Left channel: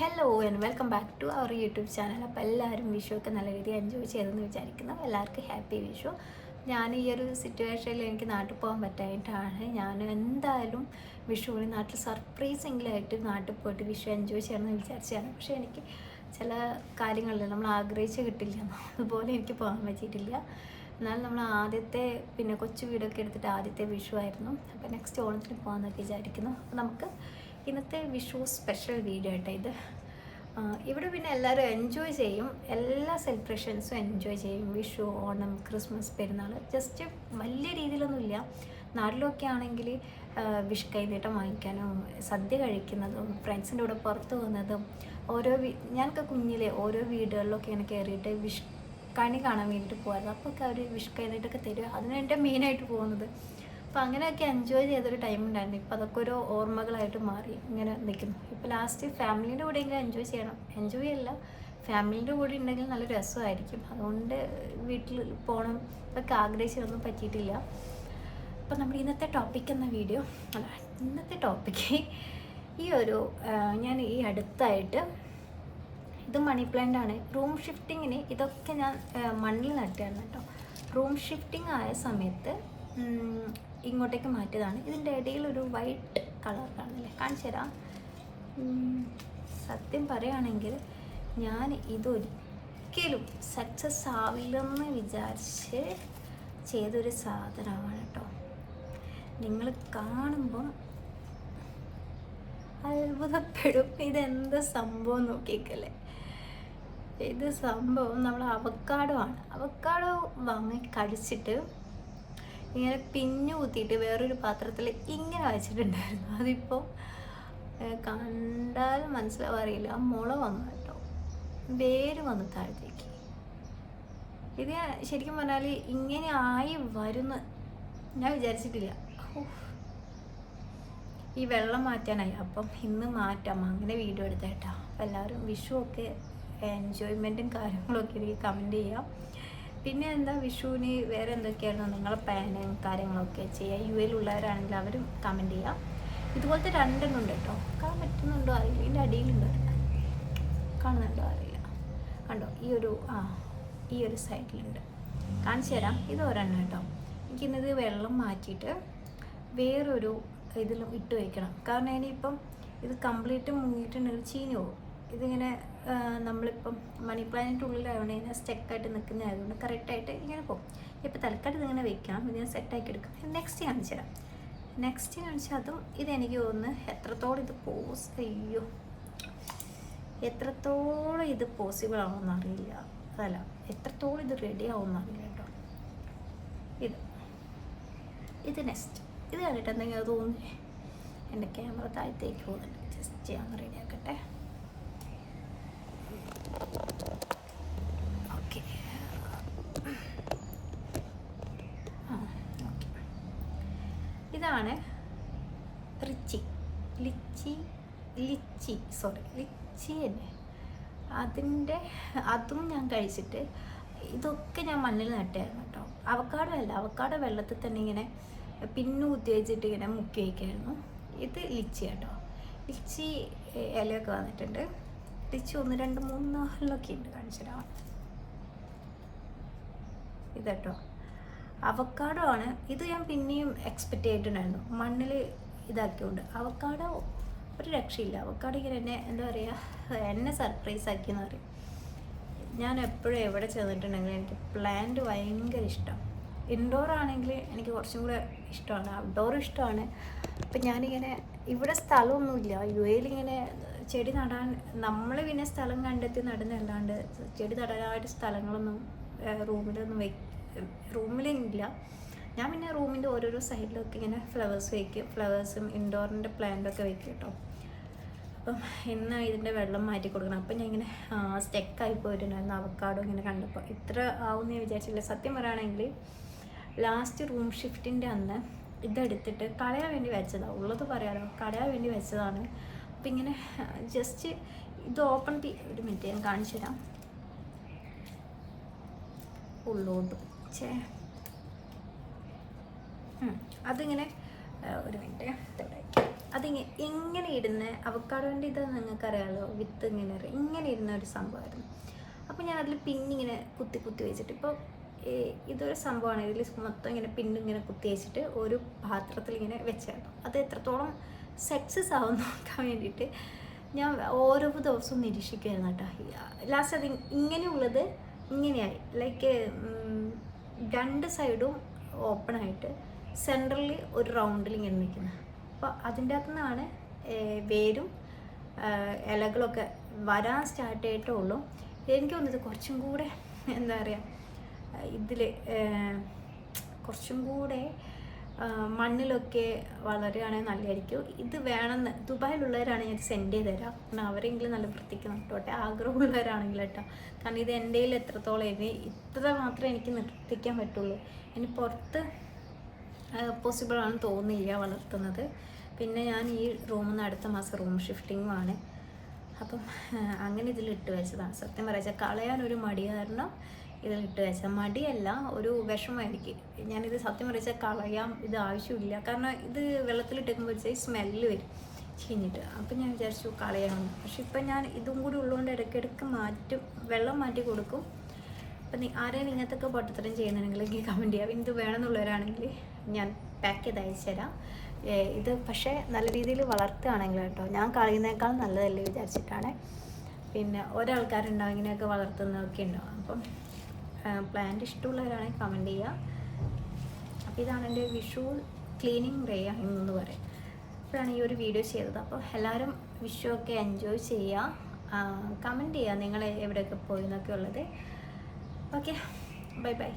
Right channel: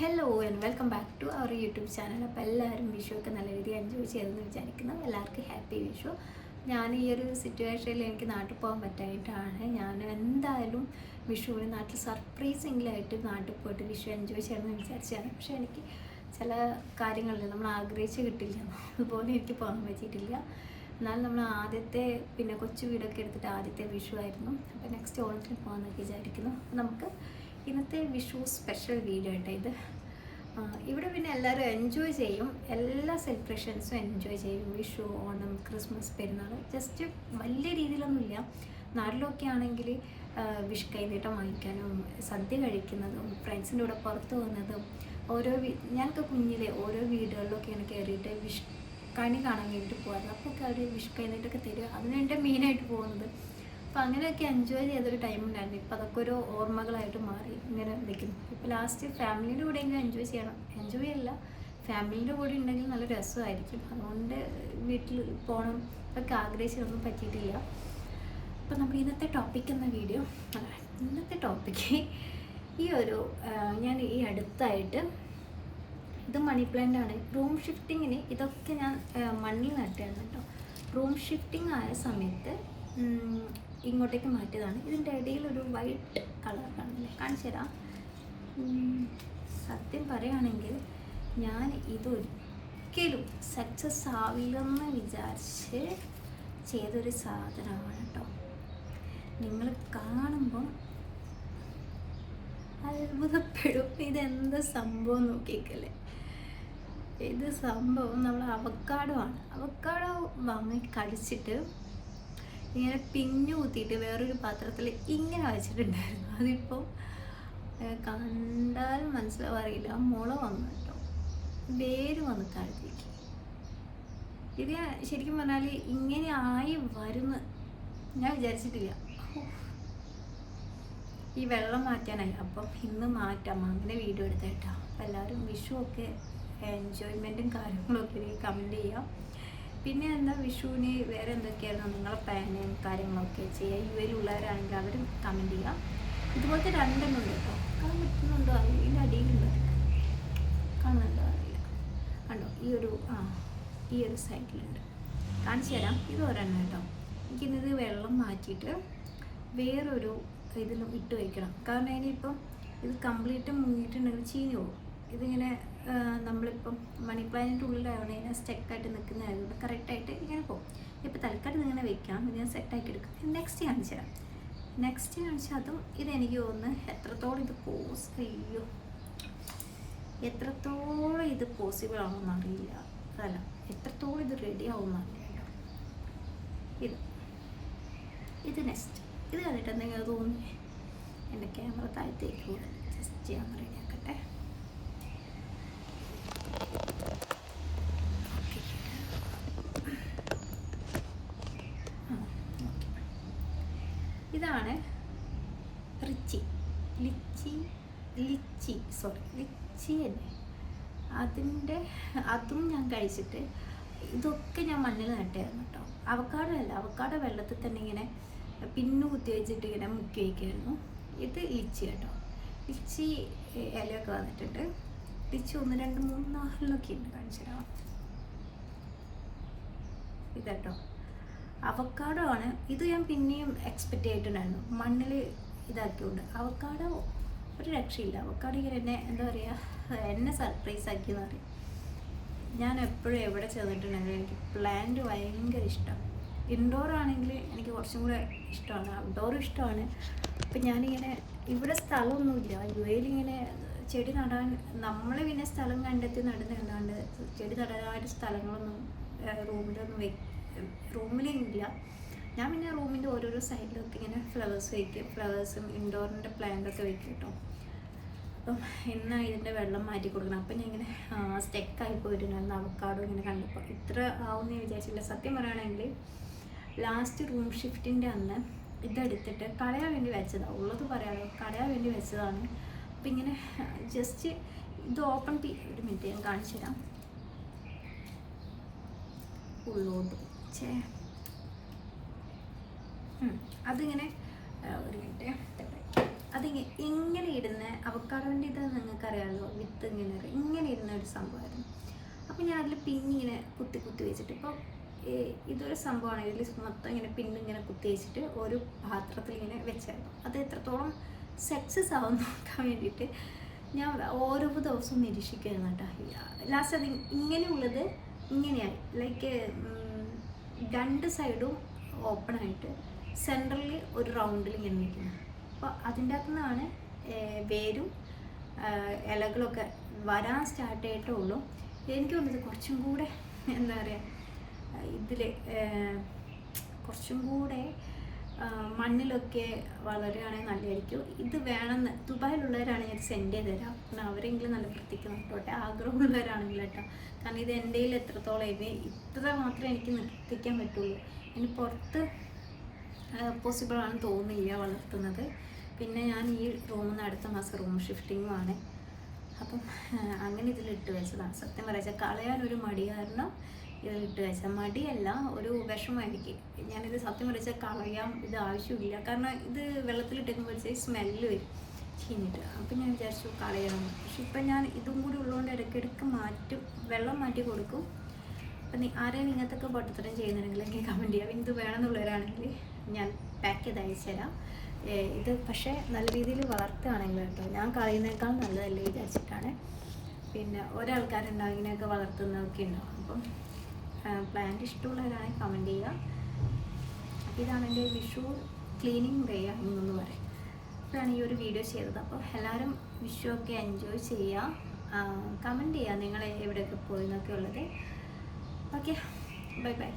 Hello and welcome back to our YouTube channel. അപ്പോൾ എല്ലാവരും വിഷുവൊക്കെ നല്ല രീതിയിൽ എൻജോയ് ചെയ്തെന്ന് വിചാരിക്കുന്നു. എല്ലാവർക്കും ഹാപ്പി വിഷു. ഞാൻ ഈ ഒരു സിറ്റുവേഷനിൽ എനിക്ക് നാട്ടിൽ പോകാൻ പറ്റായിട്ടാണ് ഞാൻ എന്തായാലും വിഷുവിന് നാട്ടിൽ സർപ്രൈസിംഗിലായിട്ട് നാട്ടിൽ പോയിട്ട് വിഷു എൻജോയ് ചെയ്യണമെന്ന് വിചാരിച്ചാണ്. പക്ഷേ എനിക്ക് ചില കാര്യങ്ങളിൽ നമ്മൾ ആഗ്രഹിച്ച് കിട്ടില്ല, അതുപോലെ എനിക്ക് പോകാൻ പറ്റിയിട്ടില്ല. എന്നാലും നമ്മൾ ആദ്യത്തെ കൊച്ചു വീടൊക്കെ എടുത്തിട്ട് ആദ്യത്തെ വിഷു ആയിരുന്നു. അപ്പോൾ നെക്സ്റ്റ് ഓണത്തിന് പോകാമെന്നൊക്കെ വിചാരിക്കുന്നു. അപ്പോൾ നമുക്ക് ഇന്നത്തെ വിഷു സ്പെഷ്യൽ വീഡിയോ ആയിട്ട് ഇത് ഇവിടെ എല്ലാവരും എൻജോയ് ചെയ്യും, എല്ലാ സെലിബ്രേഷൻസും എൻജോയ് ചെയ്യും. വിഷു, ഓണം, ക്രിസ്മസ്, പെരുന്നാൾ ജസ്റ്റ് വലിയ രീതിയിലൊന്നുമില്ല. നാട്ടിലൊക്കെ ആണെങ്കിൽ വിഷു കൈനീട്ടം വാങ്ങിക്കാനും സദ്യ കഴിക്കുന്നതും ഫ്രണ്ട്സിൻ്റെ കൂടെ പുറത്ത് പോകുന്നതും ഞാനൊക്കെ കുഞ്ഞിലെ ഓരോ വീടുകളിലൊക്കെയാണ് കയറിയിട്ട് വിഷു കണി കാണാൻ വേണ്ടിയിട്ട് പോകാറ്. അപ്പോൾ ഒക്കെ അവർ വിഷു കൈനീട്ടൊക്കെ തരിക, അതിനാണ് എൻ്റെ മെയിനായിട്ട് പോകുന്നത്. അപ്പോൾ അങ്ങനെയൊക്കെ എൻജോയ് ചെയ്തൊരു ടൈം ഉണ്ടായിരുന്നു. ഇപ്പോൾ അതൊക്കെ ഒരു ഓർമ്മകളായിട്ട് മാറി ഇങ്ങനെ നിൽക്കുന്നു. ഇപ്പോൾ ലാസ്റ്റ് ഫാമിലീൻ്റെ കൂടെ എങ്കിലും എൻജോയ് ചെയ്യണം, എൻജോയ് അല്ല ഫാമിലീൻ്റെ കൂടെ ഉണ്ടെങ്കിൽ നല്ല രസമായിരിക്കും. അതുകൊണ്ട് വീട്ടിൽ പോകണം ഇതൊക്കെ ആഗ്രഹിച്ചതൊന്നും പറ്റിയിട്ടില്ല. അപ്പോൾ നമ്മുടെ ഇന്നത്തെ ടോപ്പിക് എന്ന വീഡിയോ ഇന്നത്തെ ടോപ്പിക്ക് ഞാൻ ഈ അടുത്തായിട്ട് ഇത് മണി പ്ലാന്റ് ആണ്. റൂം ഷിഫ്റ്റിങ്ങിന് ഇതൊക്കെ ഞാൻ മണ്ണിൽ നട്ടായിരുന്നു കേട്ടോ. റൂം ഷിഫ്റ്റിംഗ് ആയ സമയത്ത് ഇങ്ങോട്ടേക്ക് മാറ്റിയതാണ്. ഇതിൻ്റെ ഇടയിൽ ഒരു വൈറ്റ് കളർ കാണില്ലേ, കാണിച്ചു തരാം. സത്യം പറയുകയാണെങ്കിൽ ഞാൻ ഇതൊരിക്കലും സക്സസ് ആവില്ലെന്ന് വിചാരിച്ച് ചെയ്തൊരു സാധനമാണ് കേട്ടോ. നിങ്ങൾ കാണുമ്പം അത്ഭുതപ്പെടും. ഇതെന്ത് സംഭവം നോക്കിയേക്കല്ലേ. ഇത് സംഭവം നമ്മൾ അവക്കാഡോ ആണ്. അവക്കാഡോ വാങ്ങി കഴിച്ചിട്ട് ഇങ്ങനെ പിഞ്ഞു കുത്തിയിട്ട് വേറൊരു പാത്രത്തിൽ ഇങ്ങനെ വെച്ചിട്ടുണ്ടായിരുന്നു. അതിപ്പോൾ കണ്ടാലും മനസ്സിലാവാറില്ല. മുള വന്നു കേട്ടോ, വേര് വന്ന് താഴത്തേക്ക്. ഇത് ശരിക്കും പറഞ്ഞാൽ ഇങ്ങനെ ആയി വരുന്ന ഞാൻ വിചാരിച്ചിട്ടില്ല. ഈ വെള്ളം മാറ്റാനായി. അപ്പം ഇന്ന് മാറ്റാം, അങ്ങനെ വീഡിയോ എടുത്തേട്ടാ. അപ്പം എല്ലാവരും വിഷുവൊക്കെ എൻജോയ്മെൻറ്റും കാര്യങ്ങളൊക്കെ കമൻറ്റ് ചെയ്യാം. പിന്നെ എന്താ വിഷുവിന് വേറെ എന്തൊക്കെയായിരുന്നു നിങ്ങളെ പ്ലാനും കാര്യങ്ങളൊക്കെ ചെയ്യുക. യു എയിലുള്ളവരാണെങ്കിൽ അവരും കമൻറ്റ് ചെയ്യാം. ഇതുപോലത്തെ രണ്ടെണ്ണം ഉണ്ട് കേട്ടോ. കാണാൻ പറ്റുന്നുണ്ടോ അറിയില്ല, ഇതിൻ്റെ അടിയിലുണ്ട്, കാണുന്നുണ്ടോ അറിയില്ല. കണ്ടോ ഈ ഒരു സൈഡിലുണ്ട്, കാണിച്ചു തരാം. ഇത് ഒരെണ്ണം കേട്ടോ. എനിക്കിന്നത് വെള്ളം മാറ്റിയിട്ട് വേറൊരു ഇതിലും ഇട്ട് വയ്ക്കണം. കാരണം ഇനിയിപ്പം ഇത് കംപ്ലീറ്റ് മുങ്ങിയിട്ടുണ്ടെങ്കിൽ ചീഞ്ഞു പോകും. ഇതിങ്ങനെ നമ്മളിപ്പം മണി പ്ലാന്റിൻ്റെ ഉള്ളിലാവണേ ഇങ്ങനെ സ്റ്റെക്കായിട്ട് നിൽക്കുന്നതായതുകൊണ്ട് കറക്റ്റായിട്ട് ഇങ്ങനെ പോകും. ഇപ്പോൾ തൽക്കാലം ഇങ്ങനെ വെക്കാം, ഇത് ഞാൻ സെറ്റാക്കി എടുക്കും. നെക്സ്റ്റ് കാണിച്ചു തരാം. നെക്സ്റ്റ് കാണിച്ചാൽ അതും ഇതെനിക്ക് തോന്നുന്നു എത്രത്തോളം എത്രത്തോളം ഇത് പോസിബിൾ ആവുമെന്ന് അറിയില്ല. അതല്ല, എത്രത്തോളം ഇത് റെഡി ആവുമെന്ന് അറിയില്ല കേട്ടോ. ഇത് നെക്സ്റ്റ് ഇത് കണ്ടിട്ട് എന്തെങ്കിലും തോന്നി. എൻ്റെ ക്യാമറ താഴത്തേക്ക് പോകാൻ ജസ്റ്റ് ഞാൻ റെഡിയാക്കട്ടെ. ഓക്കെ, ഇതാണ് ലിച്ചി തന്നെ. അതും ഞാൻ കഴിച്ചിട്ട് ഇതൊക്കെ ഞാൻ മണ്ണിൽ നട്ടായിരുന്നു കേട്ടോ. അവക്കാഡോ അല്ല, അവക്കാഡോ വെള്ളത്തിൽ തന്നെ ഇങ്ങനെ പിന്നു കുത്തിവെച്ചിട്ട് ഇങ്ങനെ മുക്കി വയ്ക്കായിരുന്നു. ഇത് ലിച്ചി കേട്ടോ. ലിച്ചി ഇലയൊക്കെ വന്നിട്ടുണ്ട്. ലിച്ചി 1, 2, 3, 4 ഉണ്ട്, കാണിച്ചു തരാം. ഇതട്ടോ അവക്കാഡോ ആണ്. ഇത് ഞാൻ പിന്നെയും എക്സ്പെക്റ്റ് ചെയ്തിട്ടുണ്ടായിരുന്നു മണ്ണിൽ ഇതാക്കിയോണ്ട്. അവക്കാഡോ ഒരു രക്ഷയില്ല. അവക്കാഡോ ഇങ്ങനെ എന്താ പറയുക, എന്നെ സർപ്രൈസ് ആക്കിയെന്ന് പറയും. ഞാൻ എപ്പോഴും എവിടെ ചെന്നിട്ടുണ്ടെങ്കിലും എനിക്ക് പ്ലാന്റ് ഭയങ്കര ഇഷ്ടമാണ്. ഇൻഡോർ ആണെങ്കിൽ എനിക്ക് കുറച്ചും കൂടെ ഇഷ്ടമാണ്, ഔട്ട്ഡോറും ഇഷ്ടമാണ്. അപ്പം ഞാനിങ്ങനെ ഇവിടെ സ്ഥലമൊന്നുമില്ല യു എയിലിങ്ങനെ ചെടി നടാൻ. നമ്മൾ പിന്നെ സ്ഥലം കണ്ടെത്തി നടുന്നല്ലാണ്ട് ചെടി നടാനായിട്ട് സ്ഥലങ്ങളൊന്നും റൂമിലില്ല. ഞാൻ പിന്നെ റൂമിൻ്റെ ഓരോരോ സൈഡിലൊക്കെ ഇങ്ങനെ ഫ്ലവേഴ്സ് വയ്ക്കും. ഫ്ലവേഴ്സും ഇൻഡോറിൻ്റെ പ്ലാന്റൊക്കെ വയ്ക്കും കേട്ടോ. അപ്പം ഇന്ന് ഇതിൻ്റെ വെള്ളം മാറ്റി കൊടുക്കണം. അപ്പം ഞാൻ ഇങ്ങനെ സ്റ്റെക്കായി പോയിട്ടുണ്ടായിരുന്നു. അവക്കാഡോ ഇങ്ങനെ കണ്ടപ്പോൾ ഇത്ര ആവുമെന്ന് ഞാൻ വിചാരിച്ചില്ല. സത്യം പറയുകയാണെങ്കിൽ ലാസ്റ്റ് റൂം ഷിഫ്റ്റിൻ്റെ അന്ന് ഇതെടുത്തിട്ട് കളയാൻ വേണ്ടി വെച്ചതാണ്. ഉള്ളത് പറയാലോ, കളയാൻ വേണ്ടി വെച്ചതാണ്. അപ്പം ഇങ്ങനെ ജസ്റ്റ് ഇത് ഓപ്പൺ ഒരു മിനിറ്റ് ഞാൻ കാണിച്ചു തരാം. ഉള്ളോട്ട് വെച്ചേ അതിങ്ങനെ ഒരു മിനിറ്റ് എങ്ങനെ ഇടുന്ന അവക്കാടോൻ്റെ ഇത് നിങ്ങൾക്കറിയാമല്ലോ, വിത്ത് ഇങ്ങനെ ഇരുന്ന ഒരു സംഭവമായിരുന്നു. അപ്പോൾ ഞാൻ അതിൽ പിന്നിങ്ങനെ കുത്തി കുത്തി വെച്ചിട്ട്, ഇപ്പോൾ ഇതൊരു സംഭവമാണ്, ഇതിൽ മൊത്തം ഇങ്ങനെ പിന്നിങ്ങനെ കുത്തി വെച്ചിട്ട് ഒരു പാത്രത്തിൽ ഇങ്ങനെ വെച്ചായിരുന്നു. അത് എത്രത്തോളം സക്സസ് ആവും നോക്കാൻ വേണ്ടിയിട്ട് ഞാൻ ഓരോ ദിവസവും നിരീക്ഷിക്കുമായിരുന്നു കേട്ടോ. ലാസ്റ്റ് അത് ഇങ്ങനെയുള്ളത് ഇങ്ങനെയായി, ലൈക്ക് 2 സൈഡും ഓപ്പണായിട്ട് സെൻറ്ററിൽ ഒരു റൗണ്ടിൽ ഇങ്ങനെ നിൽക്കുന്നത്. അപ്പോൾ അതിൻ്റെ അകത്തു നിന്നാണ് വേരും ഇലകളൊക്കെ വരാൻ സ്റ്റാർട്ട് ചെയ്തിട്ടേ ഉള്ളൂ. എനിക്ക് തോന്നുന്നത് കുറച്ചും കൂടെ എന്താ പറയുക, ഇതിൽ കുറച്ചും കൂടെ മണ്ണിലൊക്കെ വളരുകയാണെങ്കിൽ നല്ലതായിരിക്കും. ഇത് വേണമെന്ന് ദുബായിലുള്ളവരാണെങ്കിൽ ഇത് സെൻഡ് ചെയ്ത് തരാം, കാരണം അവരെങ്കിലും നല്ല വൃത്തിക്ക് നട്ടോട്ടെ, ആഗ്രഹമുള്ളവരാണെങ്കിൽ കേട്ടോ. കാരണം ഇത് എൻ്റെ കയ്യിൽ എത്രത്തോളം ഇത്ര മാത്രമേ എനിക്ക് നിർത്തിക്കാൻ പറ്റുള്ളൂ. ഇനി പുറത്ത് പോസിബിളാണെന്ന് തോന്നുന്നില്ല വളർത്തുന്നത്. പിന്നെ ഞാൻ ഈ റൂമിൽ നിന്ന് അടുത്ത മാസം റൂം ഷിഫ്റ്റിങ്ങുമാണ്. അപ്പം അങ്ങനെ ഇതിലിട്ട് വെച്ചതാണ്. സത്യം പറയാച്ചാൽ കളയാനൊരു മടി കാരണം ഇതിലിട്ട് വെച്ചാൽ, മടിയല്ല, ഒരു വിഷമമായിരിക്കും. ഞാനിത് സത്യം പറയാച്ചാൽ കളയാം, ഇത് ആവശ്യമില്ല. കാരണം ഇത് വെള്ളത്തിലിട്ടേക്കുമ്പോഴത്തേക്ക് സ്മെല്ല് വരും ചീഞ്ഞിട്ട്. അപ്പം ഞാൻ വിചാരിച്ചു കളയാം. പക്ഷെ ഇപ്പം ഞാൻ ഇതും കൂടി ഉള്ളതുകൊണ്ട് ഇടയ്ക്കിടയ്ക്ക് മാറ്റും, വെള്ളം മാറ്റി കൊടുക്കും. അപ്പം ആരെയും ഇങ്ങനത്തൊക്കെ പൊട്ടത്തരം ചെയ്യുന്നുണ്ടെങ്കിൽ എനിക്ക് കമൻറ്റ് ചെയ്യാം. ഇത് വേണമെന്നുള്ളവരാണെങ്കിൽ ഞാൻ പാക്ക് ചെയ്ത് അയച്ചു തരാം. ഇത് പക്ഷേ നല്ല രീതിയിൽ വളർത്തുകയാണെങ്കിൽ കേട്ടോ, ഞാൻ കളയുന്നേക്കാൾ നല്ലതല്ലേ വിചാരിച്ചിട്ടാണ്. പിന്നെ ഒരാൾക്കാരുണ്ടാവും ഇങ്ങനെയൊക്കെ വളർത്തുന്നതൊക്കെ ഉണ്ടാവും. അപ്പം പ്ലാന്റ് ഇഷ്ടമുള്ളവരാണെങ്കിൽ കമൻറ്റ് ചെയ്യുക. അപ്പോൾ ഇതാണ് എൻ്റെ വിഷു ക്ലീനിങ് ഡേ എന്ന് പറയും. ഇപ്പോഴാണ് ഈ ഒരു വീഡിയോ ചെയ്തത്. അപ്പോൾ എല്ലാവരും വിഷു ഒക്കെ എൻജോയ് ചെയ്യുക, കമൻറ്റ് ചെയ്യുക നിങ്ങൾ എവിടെയൊക്കെ പോയി എന്നൊക്കെ ഉള്ളത്. Okay, bye bye.